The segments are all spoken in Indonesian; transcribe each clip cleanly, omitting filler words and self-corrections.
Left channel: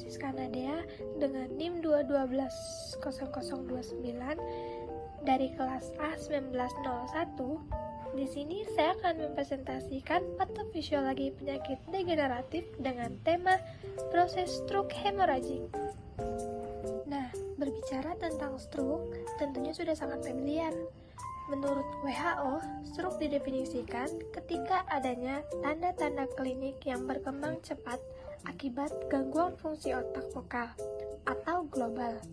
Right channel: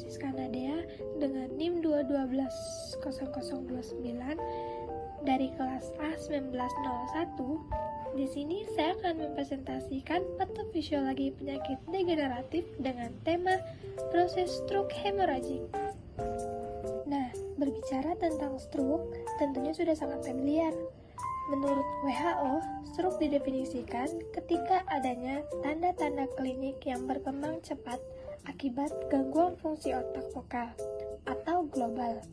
Francisca Nadea dengan NIM 2120029 dari kelas A 1901. Di sini saya akan mempresentasikan patofisiologi penyakit degeneratif dengan tema proses stroke hemoragik. Nah, berbicara tentang stroke, tentunya sudah sangat familiar. Menurut WHO, stroke didefinisikan ketika adanya tanda-tanda klinik yang berkembang cepat akibat gangguan fungsi otak vokal atau global,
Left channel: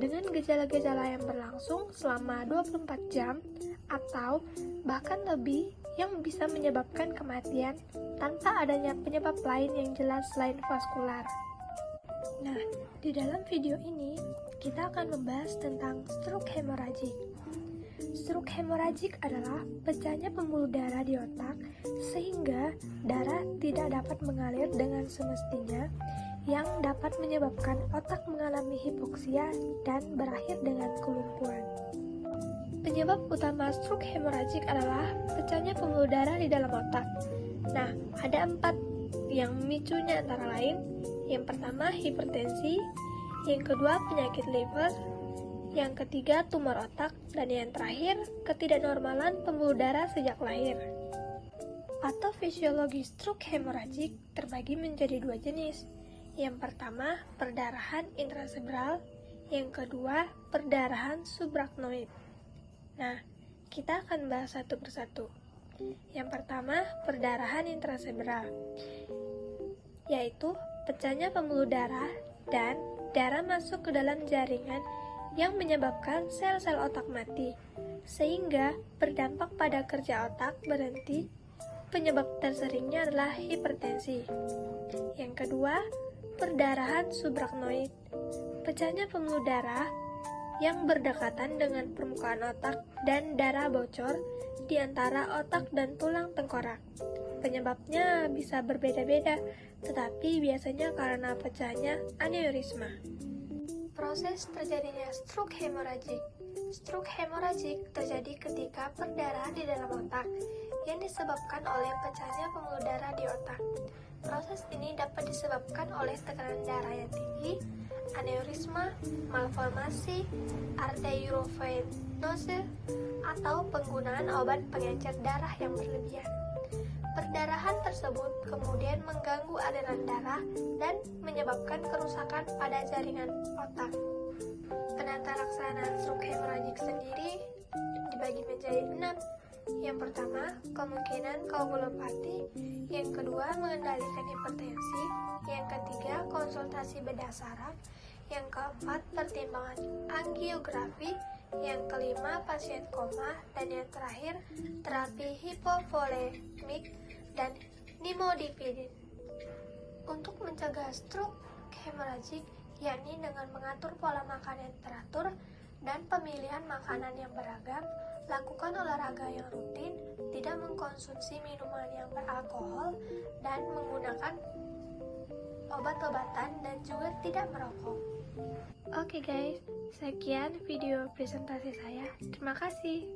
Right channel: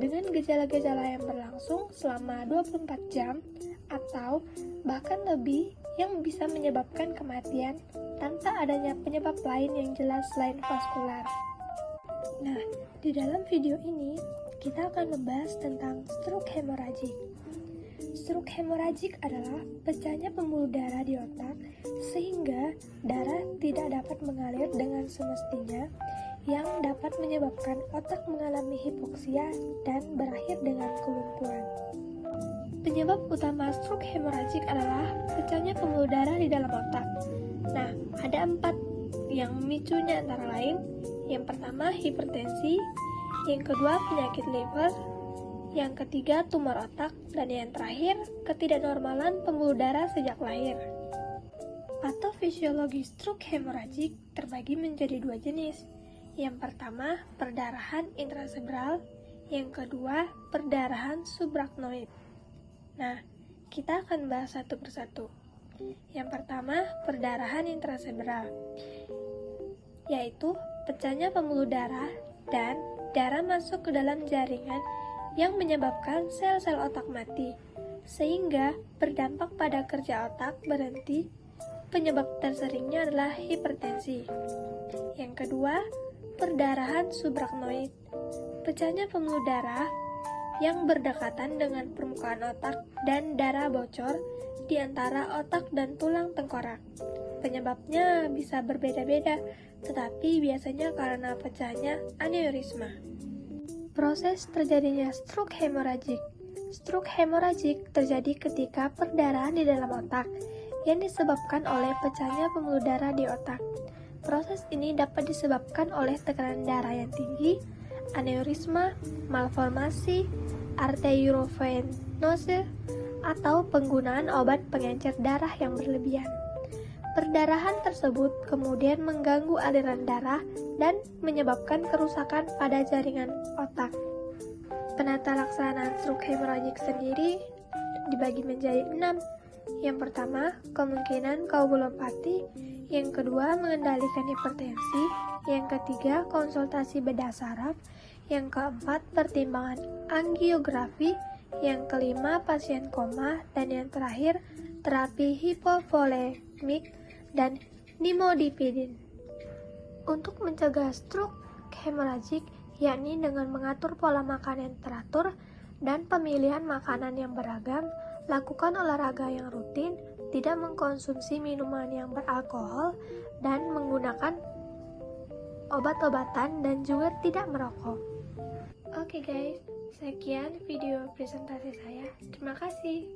dengan gejala-gejala yang berlangsung selama 24 jam atau bahkan lebih yang bisa menyebabkan kematian tanpa adanya penyebab lain yang jelas selain vaskular. Nah, di dalam video ini kita akan membahas tentang stroke hemoragik. Stroke hemoragik adalah pecahnya pembuluh darah di otak sehingga darah tidak dapat mengalir dengan semestinya yang dapat menyebabkan otak mengalami hipoksia dan berakhir dengan kelumpuhan. Penyebab utama stroke hemoragik adalah pecahnya pembuluh darah di dalam otak. Nah, ada 4 yang memicunya antara lain. Yang pertama, hipertensi. Yang kedua, penyakit liver. Yang ketiga, tumor otak. Dan yang terakhir, ketidaknormalan pembuluh darah sejak lahir. Patofisiologi stroke hemoragik terbagi menjadi 2 jenis. Yang pertama, perdarahan intracerebral. Yang kedua, perdarahan subarachnoid. Nah, kita akan bahas satu persatu. Yang pertama, perdarahan intracerebral, yaitu pecahnya pembuluh darah dan darah masuk ke dalam jaringan yang menyebabkan sel-sel otak mati, sehingga berdampak pada kerja otak berhenti. Penyebab terseringnya adalah hipertensi. Yang kedua, perdarahan subarachnoid, pecahnya pembuluh darah yang berdekatan dengan permukaan otak dan darah bocor di antara otak dan tulang tengkorak. Penyebabnya bisa berbeda-beda, tetapi biasanya karena pecahnya aneurisma. Proses terjadinya stroke hemoragik. Stroke hemoragik terjadi ketika perdarahan di dalam otak yang disebabkan oleh pecahnya pembuluh darah di otak. Proses ini dapat disebabkan oleh tekanan darah yang tinggi, aneurisma, malformasi, arteriovenose, atau penggunaan obat pengencer darah yang berlebihan. Perdarahan tersebut kemudian mengganggu aliran darah dan menyebabkan kerusakan pada jaringan otak. Penata laksanaan stroke hemoragik sendiri dibagi menjadi 6. Yang pertama, kemungkinan koagulopati. Yang kedua, mengendalikan hipertensi. Yang ketiga, konsultasi bedah saraf. Yang keempat, pertimbangan angiografi. Yang kelima, pasien koma. Dan yang terakhir, terapi hipovolemik dan nimodipidin. Untuk mencegah stroke hemoragik, yakni dengan mengatur pola makan yang teratur dan pemilihan makanan yang beragam, lakukan olahraga yang rutin, tidak mengkonsumsi minuman yang beralkohol, dan menggunakan obat-obatan dan juga tidak merokok. Oke guys, sekian video presentasi saya. Terima kasih.